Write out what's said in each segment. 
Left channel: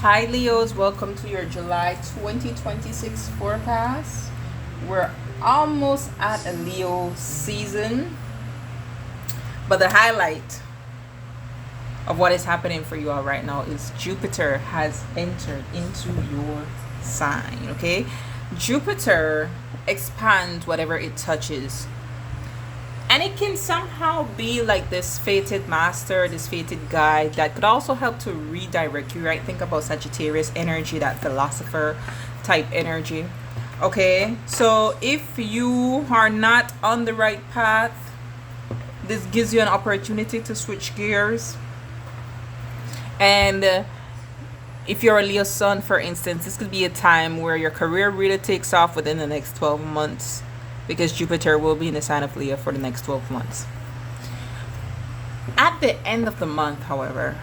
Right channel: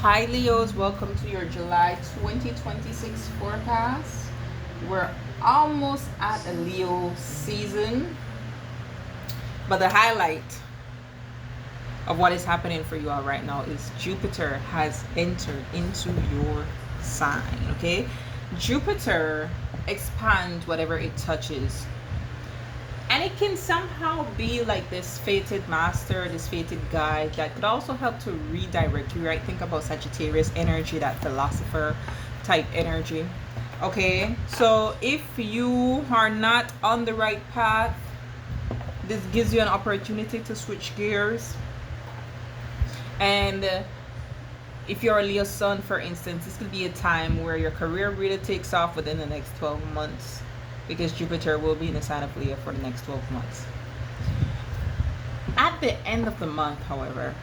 Hi Leos, welcome to your July 2026 forecast. We're almost at a Leo season, but the highlight of what is happening for you all right now is Jupiter has entered into your sign, okay? Jupiter expands whatever it touches, and it can somehow be like this fated master, this fated guide that could also help to redirect you, right? Think about Sagittarius energy, that philosopher type energy. Okay, so if you are not on the right path, this gives you an opportunity to switch gears. And if you're a Leo sun, for instance, this could be a time where your career really takes off within the next 12 months, because Jupiter will be in the sign of Leo for the next 12 months. At the end of the month, however,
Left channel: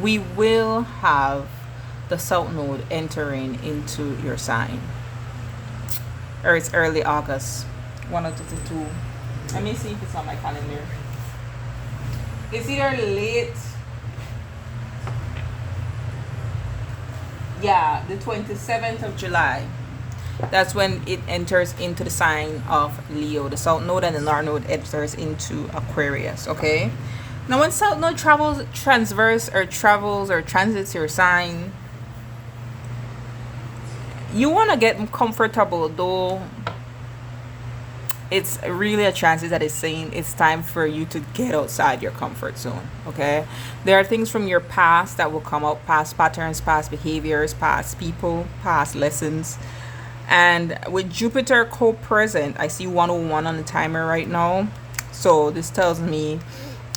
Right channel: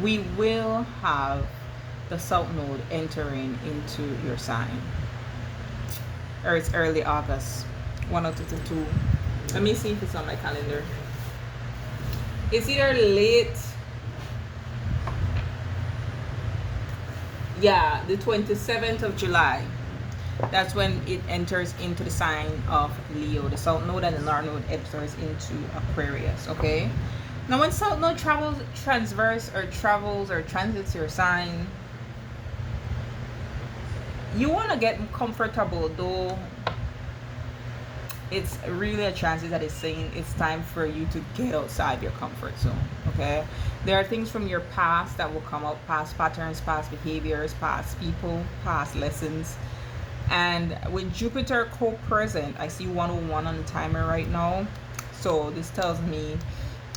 we will have the South Node entering into your sign. Or it's early August. 1 or 2 to 2. Let me see if it's on my calendar. It's either late. Yeah, the 27th of July. That's when it enters into the sign of Leo. The South Node and the North Node enters into Aquarius, okay? Now, when South Node travels or transits your sign, you want to get comfortable, though it's really a transit that is saying it's time for you to get outside your comfort zone, okay? There are things from your past that will come up, past patterns, past behaviors, past people, past lessons. And with Jupiter co-present, I see 101 on the timer right now. So this tells me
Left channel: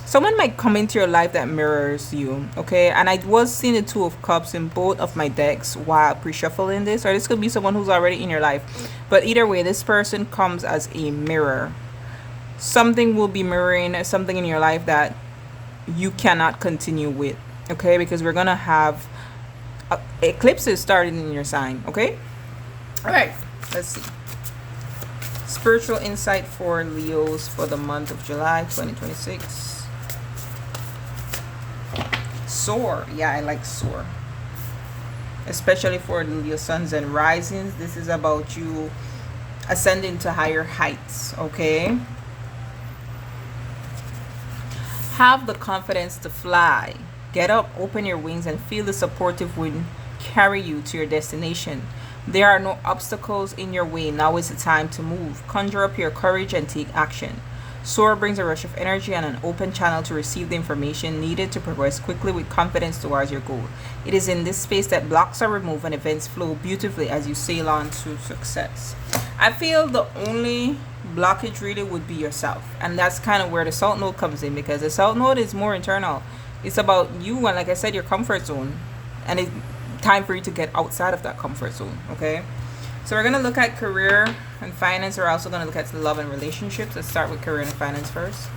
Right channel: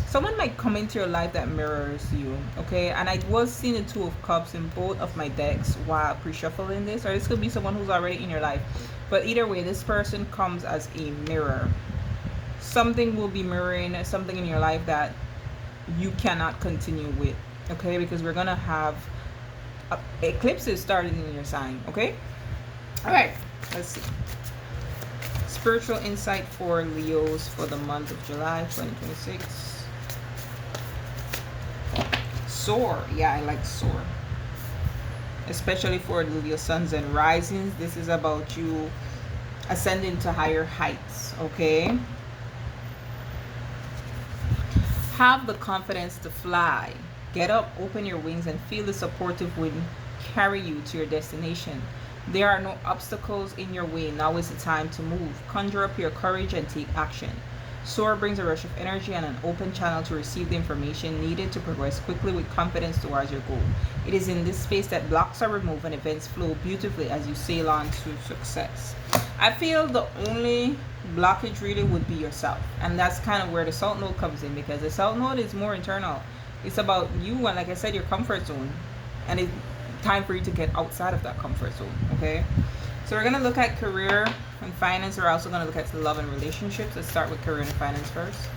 someone might come into your life that mirrors you, okay? And I was seeing the Two of Cups in both of my decks while pre-shuffling this, or this could be someone who's already in your life. But either way, this person comes as a mirror. Something will be mirroring something in your life that you cannot continue with, okay? Because we're gonna have eclipses starting in your sign, okay? All right, let's see. Spiritual insight for Leos for the month of July 2026. SOAR. Yeah, I like SOAR. Especially for the Leo suns and risings. This is about you ascending to higher heights, okay? Have the confidence to fly. Get up, open your wings, and feel the supportive wind carry you to your destination. There are no obstacles in your way. Now is the time to move. Conjure up your courage and take action. SOAR brings a rush of energy and an open channel to receive the information needed to progress quickly with confidence towards your goal. It is in this space that blocks are removed and events flow beautifully as you sail on to success. I feel the only blockage really would be yourself. And that's kind of where the South Node comes in, because the South Node is more internal. It's about you and, like I said, your comfort zone. And it's time for you to get outside of that comfort zone, okay? So we're going to look at career and finance. We're also going to look at love and relationships. Let's start with career and finance first.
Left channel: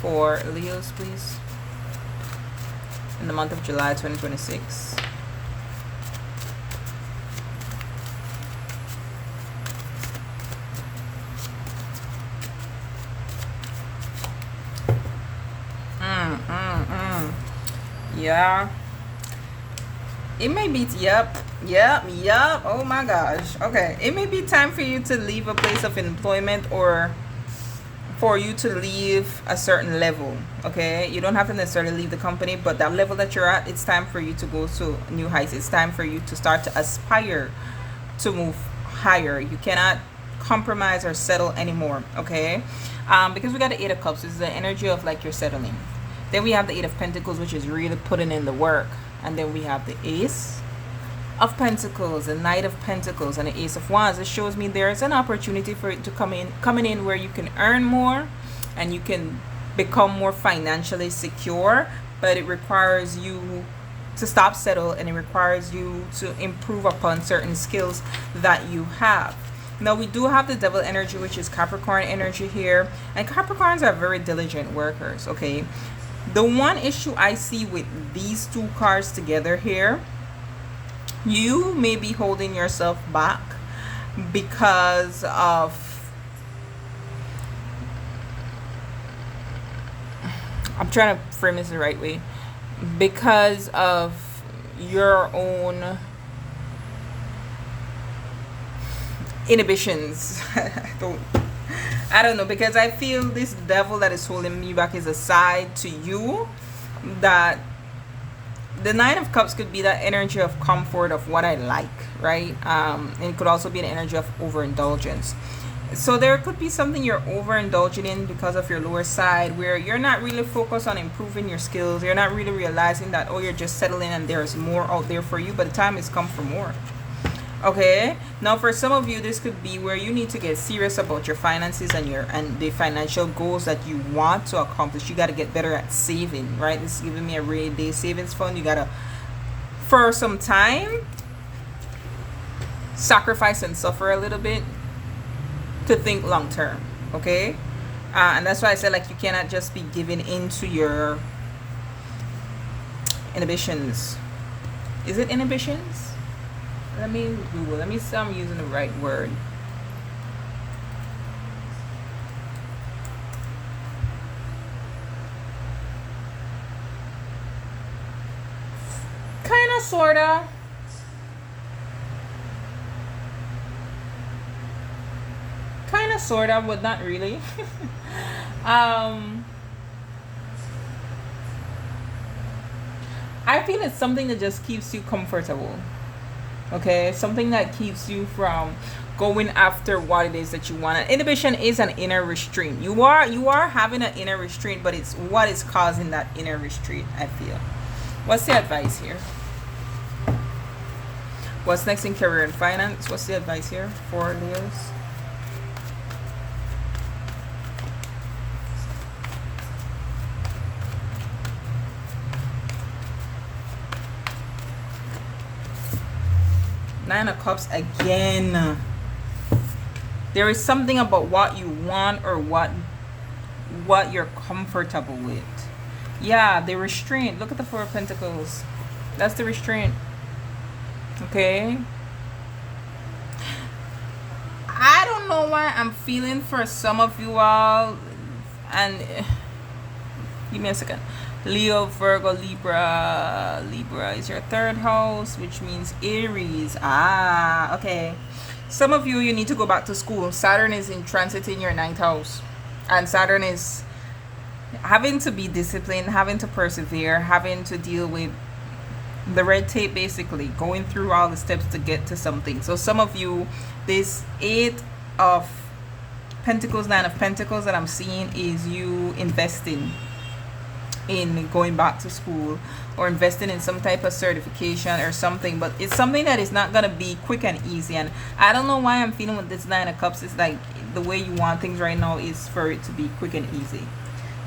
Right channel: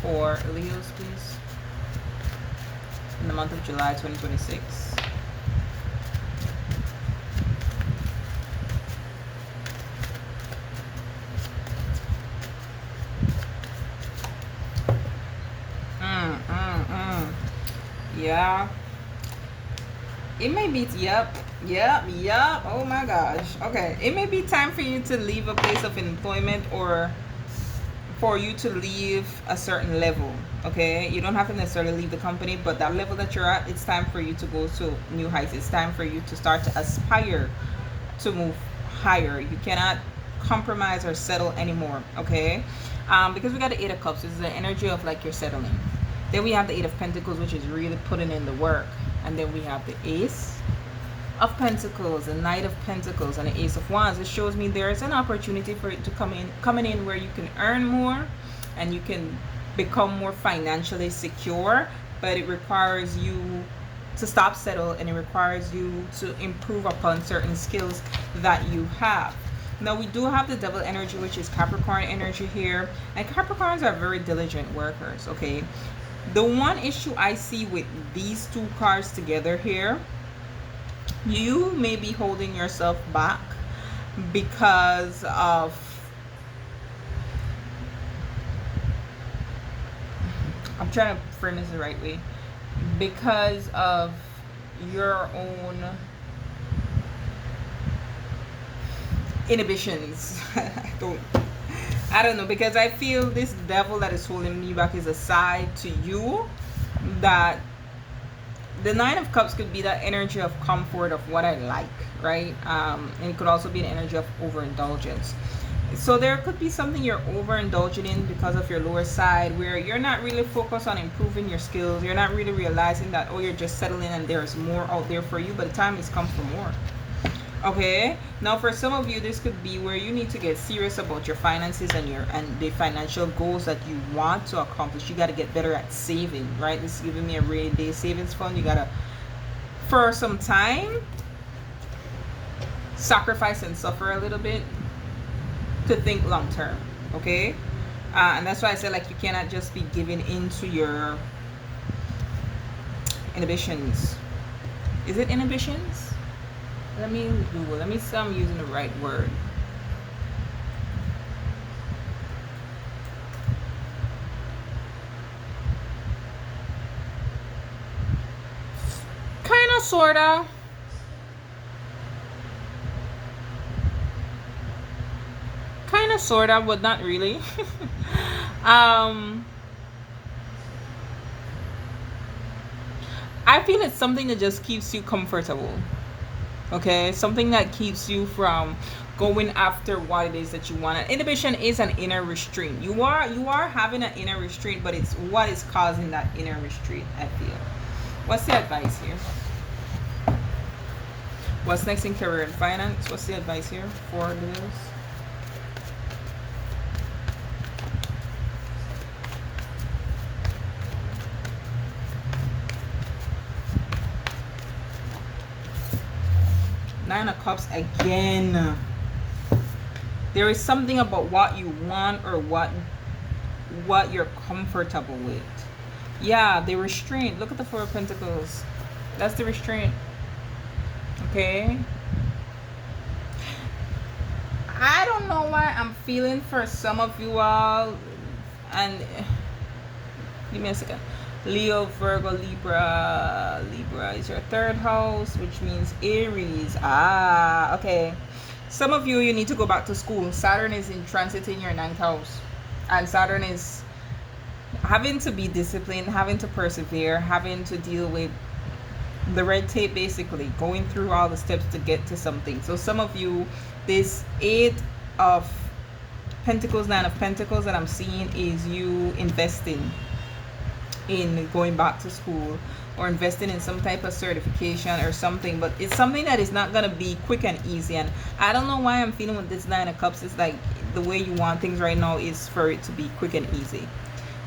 For Leos, please. In the month of July 2026. Yeah. It may be, yep. Oh my gosh. Okay. It may be time for you to leave a place of employment, or for you to leave a certain level, okay? You don't have to necessarily leave the company, but that level that you're at, it's time for you to go to new heights. It's time for you to start to aspire to move higher. You cannot compromise or settle anymore, okay? Because we got the Eight of Cups. This is the energy of like you're settling. Then we have the Eight of Pentacles, which is really putting in the work. And then we have the Ace of Pentacles, the Knight of Pentacles, and the Ace of Wands. It shows me there's an opportunity for it to coming in where you can earn more and you can become more financially secure, but it requires you to stop settle, and it requires you to improve upon certain skills that you have. Now we do have the Devil energy, which is Capricorn energy here, and Capricorns are very diligent workers, okay? The one issue I see with these two cards together here, you may be holding yourself back because of, I'm trying to frame this the right way, because of your own inhibitions. I don't know, because I feel this devil that is holding me back is a side to you that the Nine of Cups could be that energy of comfort of what I like, right? And it could also be an energy of overindulgence. So there could be something you're overindulging in because of your lower side, where you're not really focused on improving your skills. You're not really realizing that, oh, you're just settling and there's more out there for you, but the time has come for more. Okay, now for some of you, this could be where you need to get serious about your finances and the financial goals that you want to accomplish. You got to get better at saving, right? This is giving me a rainy day savings fund. You got to, for some time, sacrifice and suffer a little bit to think long term. Okay, and that's why I said, like, you cannot just be giving into your inhibitions. Is it inhibitions? Let me Google. Let me see I'm using the right word. Kinda, sorta. Kinda, sorta, but not really. I feel it's something that just keeps you comfortable. Okay, something that keeps you from going after what it is that you want. Inhibition is an inner restraint. You are having an inner restraint, but it's what is causing that inner restraint, I feel. What's the advice here? What's next in career and finance? What's the advice here for Leos? Nine of Cups again. There is something about what you want or what you're comfortable with. Yeah, the restraint. Look at the Four of Pentacles. That's the restraint. Okay. I don't know why I'm feeling for some of you all, and give me a second. Leo, Virgo, Libra. Libra is your third house, which means Aries. Ah, okay. Some of you need to go back to school. Saturn is in transit in your ninth house, and Saturn is having to be disciplined, having to persevere, having to deal with the red tape, basically going through all the steps to get to something. So some of you, this Eight of Pentacles, Nine of Pentacles that I'm seeing is you investing in going back to school or investing in some type of certification or something, but it's something that is not going to be quick and easy. And I don't know why I'm feeling with this Nine of Cups, it's like the way you want things right now is for it to be quick and easy.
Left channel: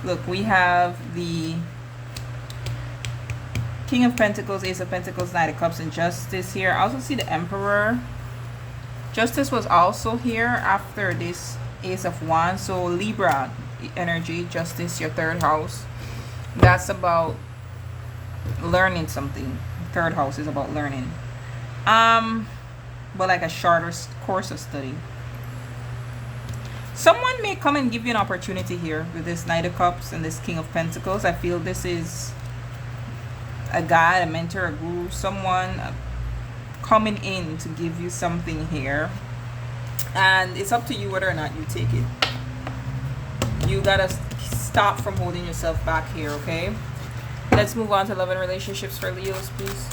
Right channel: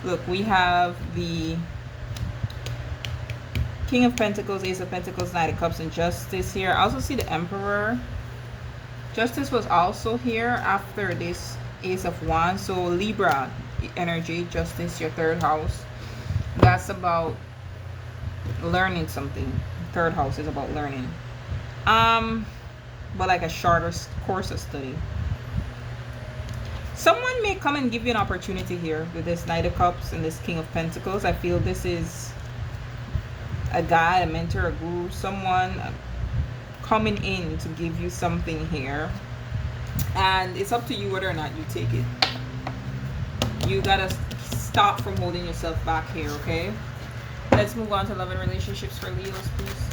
Look, we have the King of Pentacles, Ace of Pentacles, Knight of Cups, and Justice here. I also see the Emperor. Justice was also here after this Ace of Wands. So Libra energy, Justice, your third house. That's about learning something. Third house is about learning. But like a shorter course of study. Someone may come and give you an opportunity here with this Knight of Cups and this King of Pentacles. I feel this is a guide, a mentor, a guru, someone coming in to give you something here. And it's up to you whether or not you take it. You gotta stop from holding yourself back here, okay? Let's move on to love and relationships for Leos, please.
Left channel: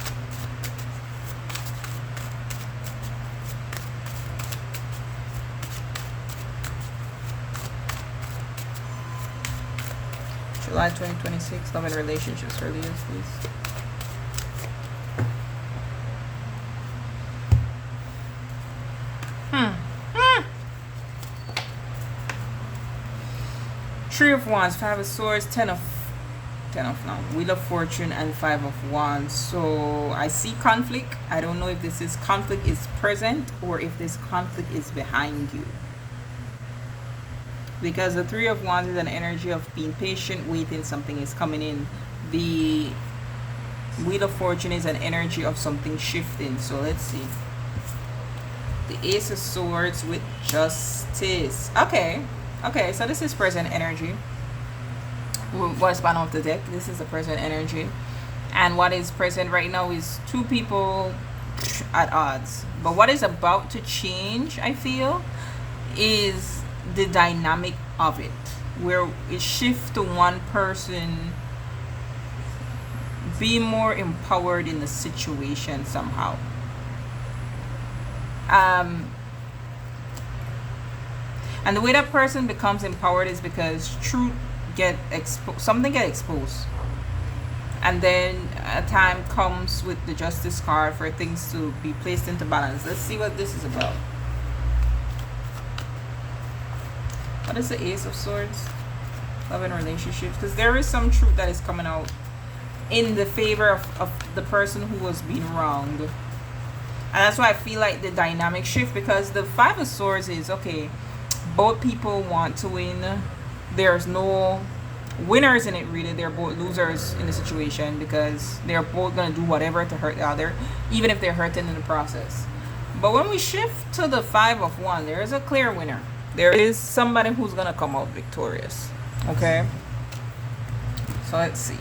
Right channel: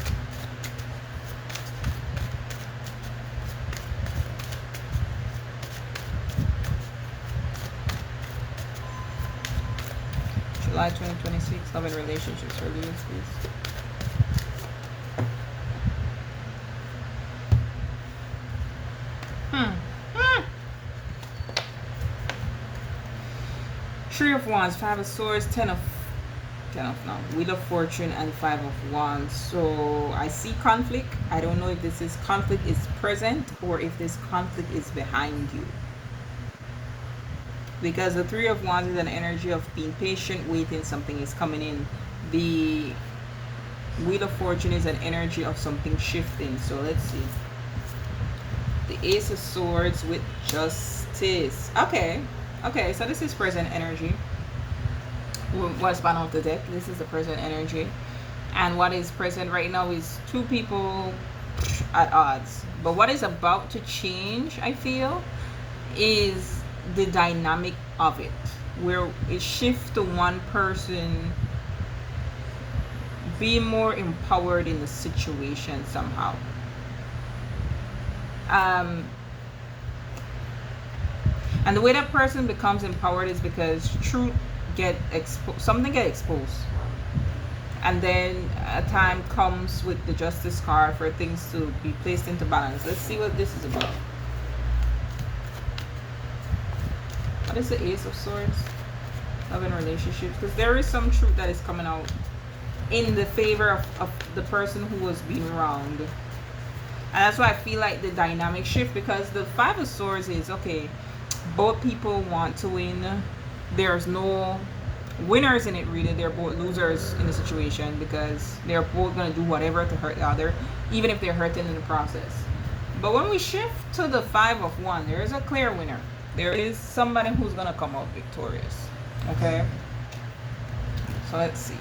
July 2026, love and relationships for Leos, please. Three of Wands, Five of Swords, Ten of Wheel of Fortune, and Five of Wands. So I see conflict. I don't know if this is conflict is present or if this conflict is behind you. Because the Three of Wands is an energy of being patient, waiting, something is coming in. The Wheel of Fortune is an energy of something shifting. So let's see. The Ace of Swords with Justice. Okay, so this is present energy. What's bottom of the deck? This is the present energy. And what is present right now is two people at odds. But what is about to change, I feel, is the dynamic of it, where it shifts to one person being more empowered in the situation somehow. And the way that person becomes empowered is because truth get exposed, something get exposed, and then a time comes with the justice card for things to be placed into balance. Let's see what this is about. What is the Ace of Swords? Love and relationships, because there is some truth that is coming out in the favor of the person who was being wronged. And that's why I feel like the dynamic shift, because the Five of Swords is, okay, both people want to win. There's no winners in it, really. They're both losers in the situation, because they're both going to do whatever to hurt the other, even if they're hurting in the process. But when we shift to the Five of Wands, there is a clear winner. There is somebody who's going to come out victorious. Okay? So let's see.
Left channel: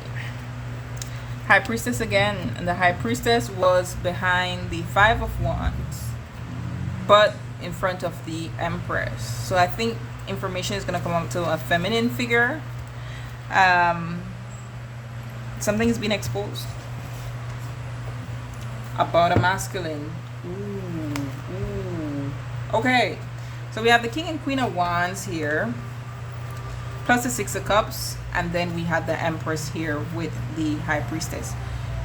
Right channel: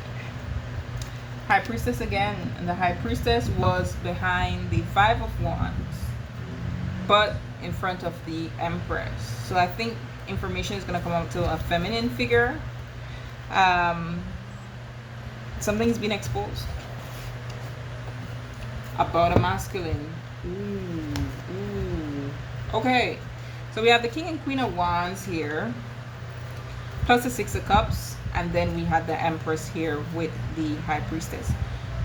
High Priestess again. And the High Priestess was behind the Five of Wands, but in front of the Empress. So I think information is going to come out to a feminine figure. Something's been exposed about a masculine. Ooh. Okay, so we have the King and Queen of Wands here, plus the Six of Cups, and then we had the Empress here with the High Priestess.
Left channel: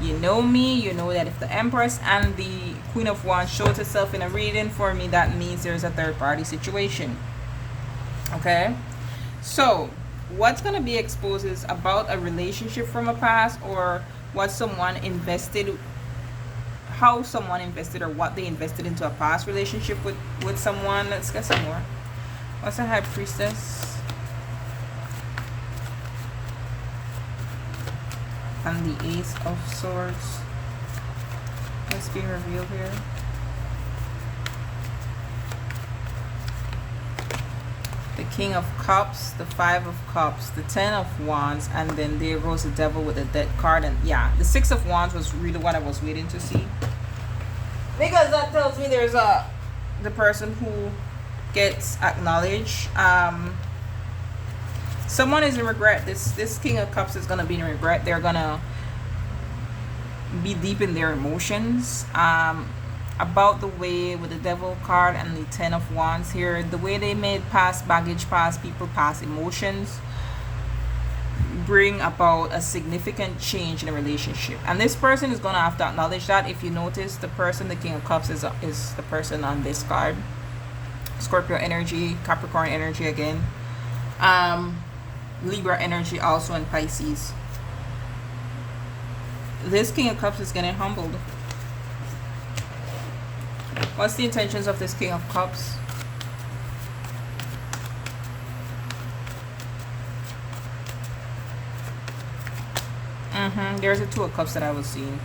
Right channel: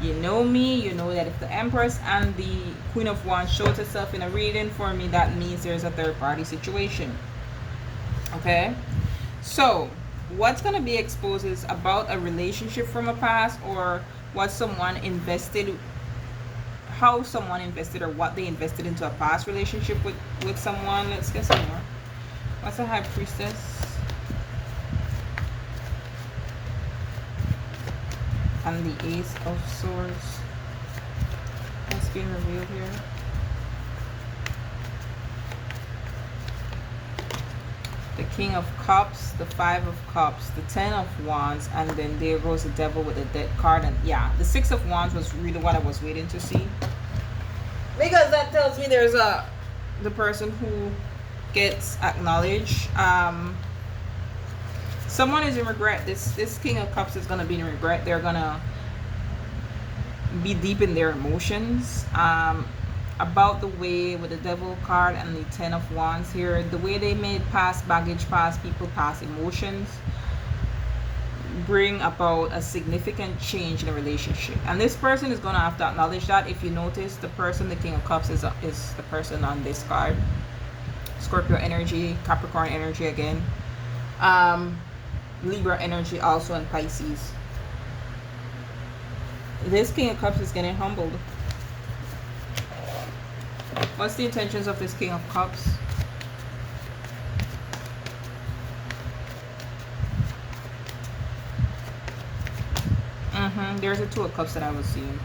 You know me, you know that if the Empress and the Queen of Wands shows itself in a reading for me, that means there's a third party situation. Okay, so what's going to be exposed is about a relationship from a past, or what someone invested, how someone invested, or what they invested into a past relationship with someone. Let's get some more. What's a High Priestess? And the Ace of Swords. That's being revealed here. The King of Cups, the Five of Cups, the Ten of Wands, and then there goes the Devil with the Death card. And yeah, the Six of Wands was really what I was waiting to see, because that tells me there's the person who gets acknowledged. Someone is in regret. This King of Cups is gonna be in regret. They're gonna be deep in their emotions. About the way with the Devil card and the Ten of Wands here, the way they made past baggage, past people, past emotions bring about a significant change in a relationship. And this person is gonna have to acknowledge that. If you notice, the person, the King of Cups, is the person on this card. Scorpio energy, Capricorn energy again. Libra energy also, and Pisces. This King of Cups is getting humbled. What's the intentions of this King of Cups? There's a Two of Cups that I was seeing.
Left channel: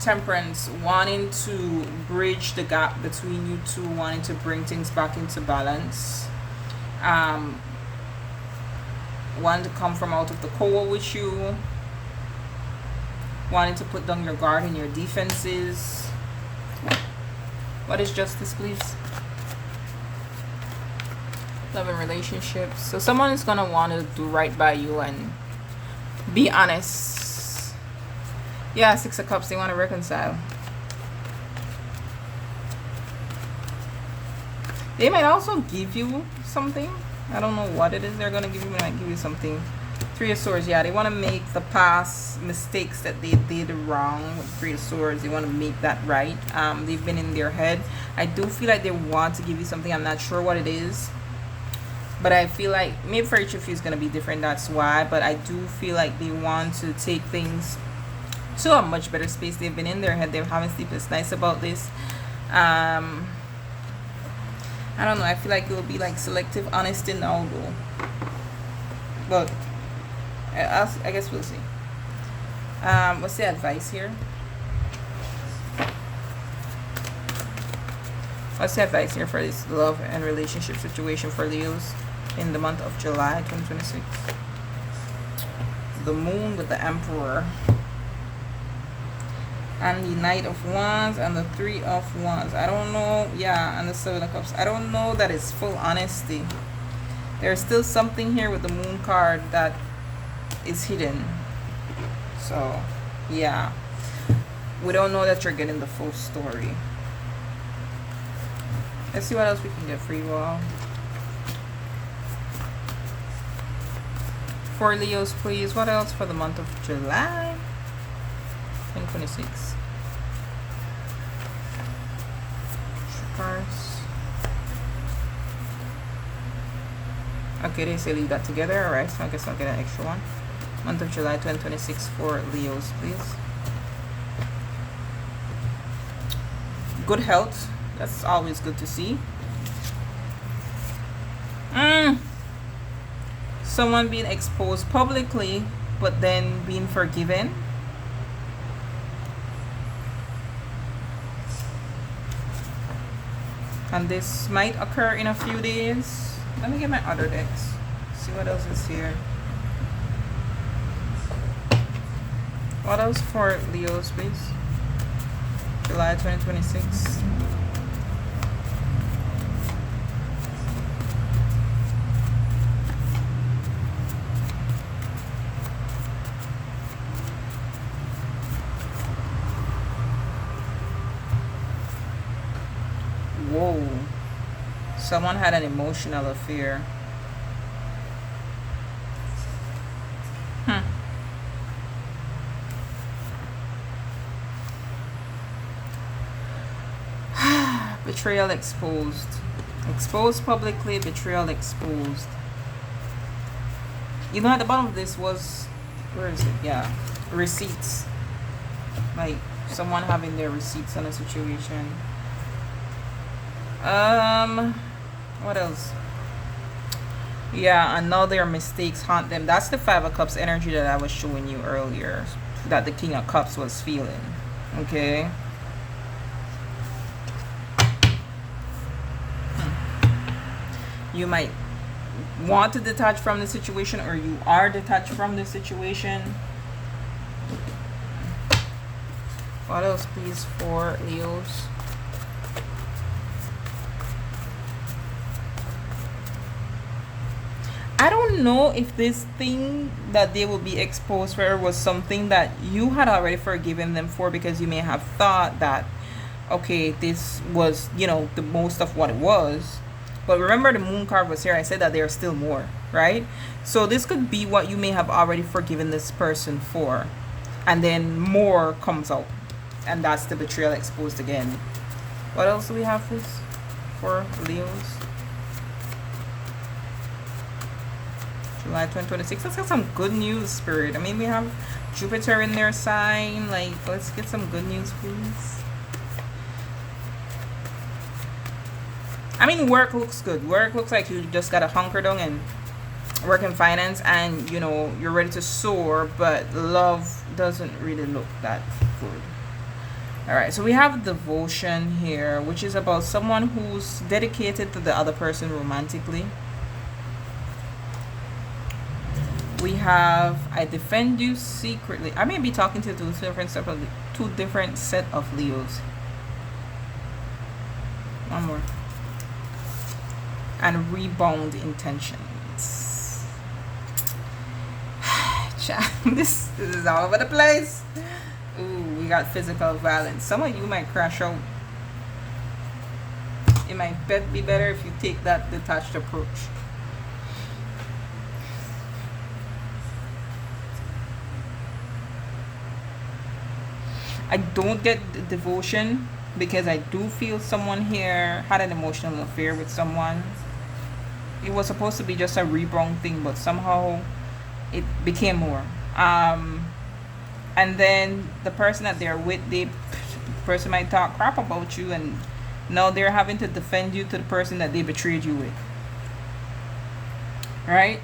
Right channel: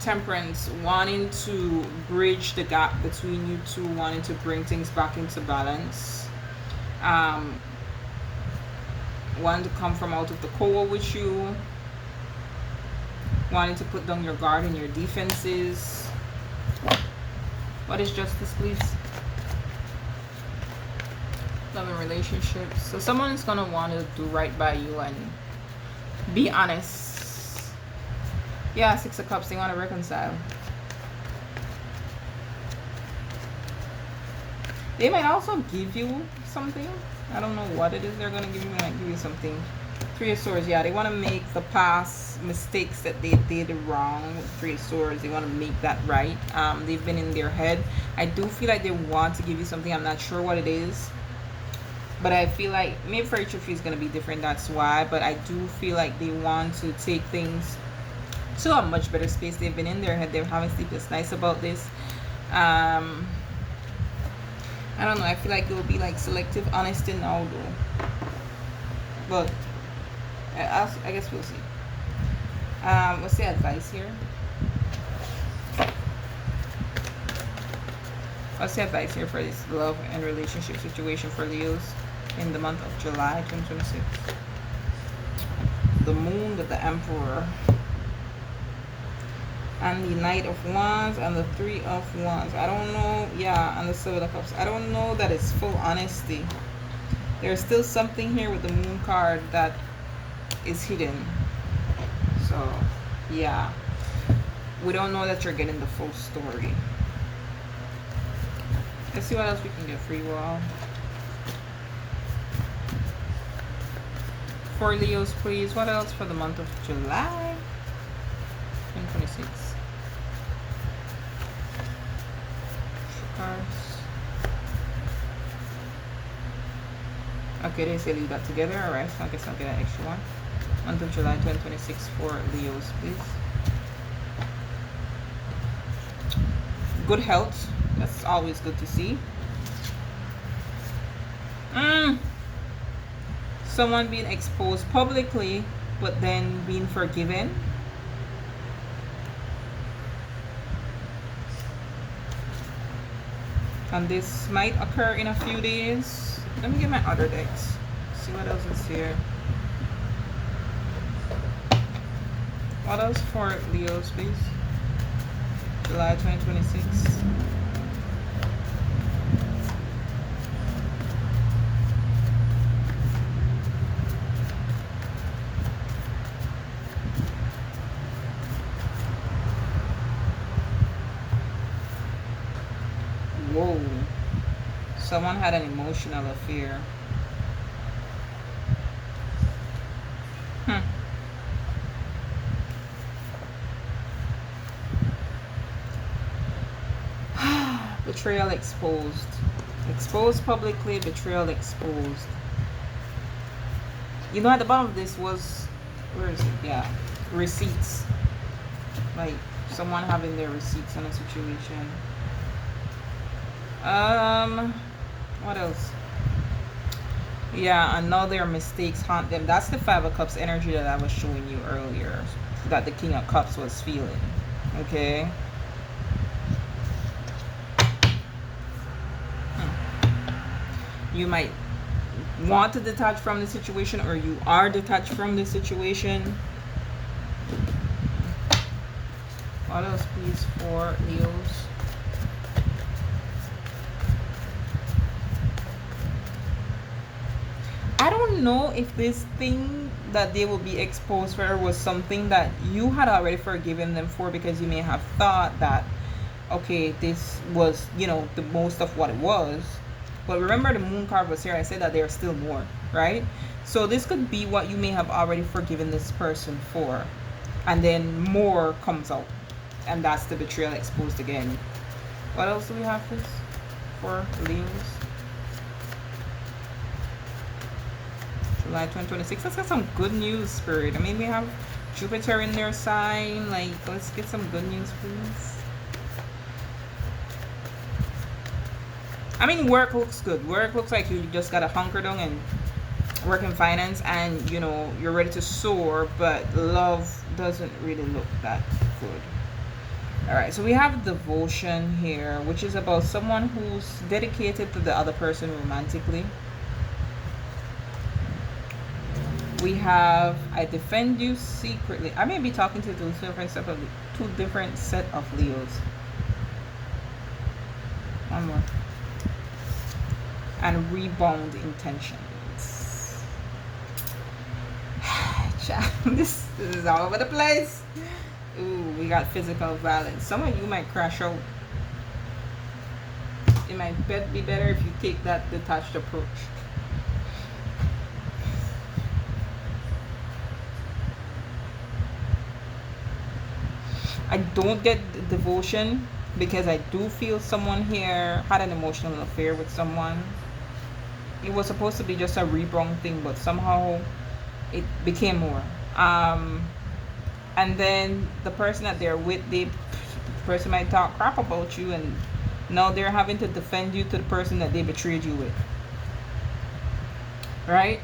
Temperance, wanting to bridge the gap between you two, wanting to bring things back into balance. Wanting to come from out of the cold with you, wanting to put down your guard and your defenses. What is justice, please? Love and relationships. So someone is gonna want to do right by you and be honest. Yeah, Six of Cups, they want to reconcile. They might also give you something. I don't know what it is they're going to give you. They might give you something. Three of Swords, yeah, they want to make the past mistakes that they did wrong with Three of Swords. They want to make that right. They've been in their head. I do feel like they want to give you something. I'm not sure what it is, but I feel like maybe for each of you is going to be different. That's why. But I do feel like they want to take things to a much better space. They've been in their head. They're having sleepless nights about this. I don't know. I feel like it will be like selective honesty now, though. But I guess we'll see. What's the advice here? What's the advice here for this love and relationship situation for Leos in the month of July 2026? the moon with the Emperor. And the Knight of Wands and the Three of Wands. I don't know. Yeah, and the Seven of Cups. I don't know that it's full honesty. There's still something here with the Moon card that is hidden. So, yeah. We don't know that you're getting the full story. Let's see what else we can get for you all. For Leos, please. What else for the month of July 2026? Okay, they say leave that together. Alright, so I guess I'll get an extra one. Month of July 2026 for Leos, please. Good health. That's always good to see. Someone being exposed publicly, but then being forgiven. And this might occur in a few days. Let me get my other decks. See what else is here. What else for Leos, please? July 2026. Whoa. Someone had an emotional affair. Betrayal exposed. Exposed publicly, betrayal exposed. You know, at the bottom of this was, where is it? Yeah, receipts. Like someone having their receipts on a situation. What else? Yeah, and now their mistakes haunt them. That's the Five of Cups energy that I was showing you earlier, that the King of Cups was feeling. Okay. You might want to detach from the situation, or you are detached from the situation. What else, please, for Leos? I don't know if this thing that they will be exposed for was something that you had already forgiven them for, because you may have thought that, okay, this was, you know, the most of what it was. But remember, the Moon card was here. I said that there are still more, right? So this could be what you may have already forgiven this person for. And then more comes out. And that's the betrayal exposed again. What else do we have for Leos? July 2026. Let's get some good news, Spirit. I mean, we have Jupiter in their sign. Like, let's get some good news, please. I mean, work looks good. Work looks like you just got to hunker down and work in finance, and, you know, you're ready to soar, but love doesn't really look that good. All right, so we have devotion here, which is about someone who's dedicated to the other person romantically. We have I defend you secretly. I may be talking to two different set of Leos. One more. And rebound intentions. This is all over the place. Ooh, we got physical violence. Some of you might crash out. It might be better if you take that detached approach. I don't get the devotion, because I do feel someone here had an emotional affair with someone. It was supposed to be just a rebound thing, but somehow it became more. And then the person that they're with, the person might talk crap about you, and now they're having to defend you to the person that they betrayed you with. Right?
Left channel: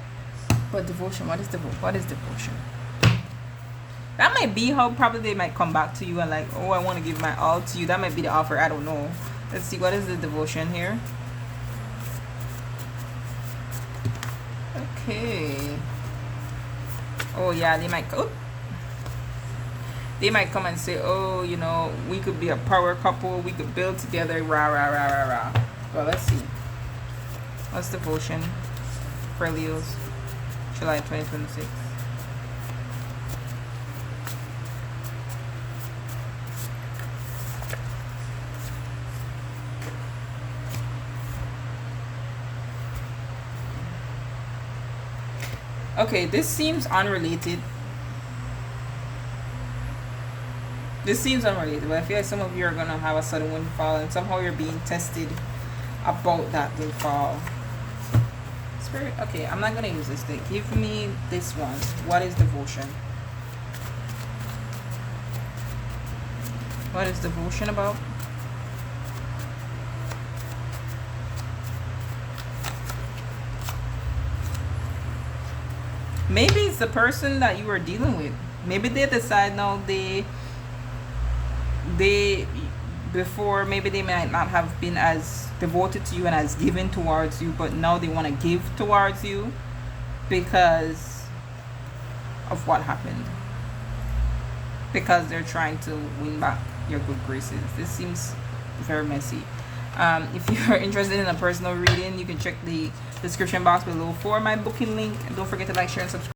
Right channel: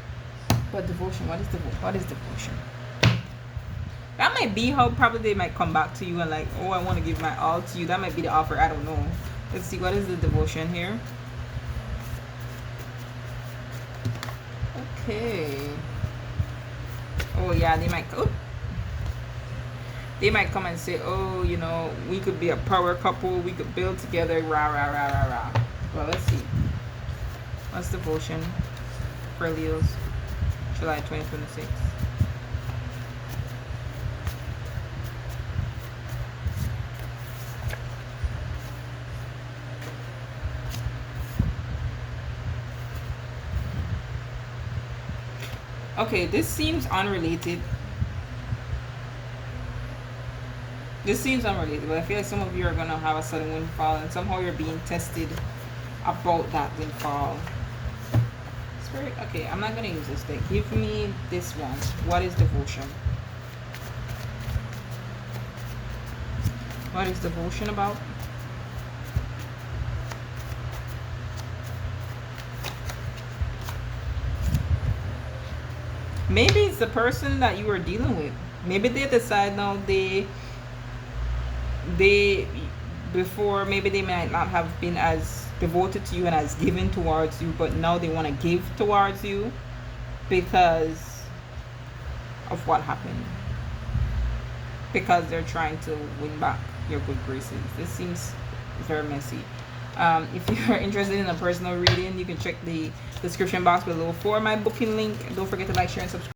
But devotion, what is devotion? That might be how probably they might come back to you and like, oh, I want to give my all to you. That might be the offer. I don't know. Let's see, what is the devotion here? Okay. Oh yeah, they might come and say, oh, you know, we could be a power couple, we could build together, rah rah rah rah rah. Well, let's see. What's devotion for Leos, July 2026? Okay, this seems unrelated. This seems unrelated, but I feel like some of you are gonna have a sudden windfall, and somehow you're being tested about that windfall. Spirit, okay, I'm not gonna use this thing. Give me this one. What is devotion? What is devotion about? Maybe it's the person that you are dealing with. Maybe they decide now they before maybe they might not have been as devoted to you and as given towards you, but now they want to give towards you because of what happened, because they're trying to win back your good graces. This seems very messy. If you're interested in a personal reading, you can check the description box below for my booking link, and don't forget to like, share, and subscribe.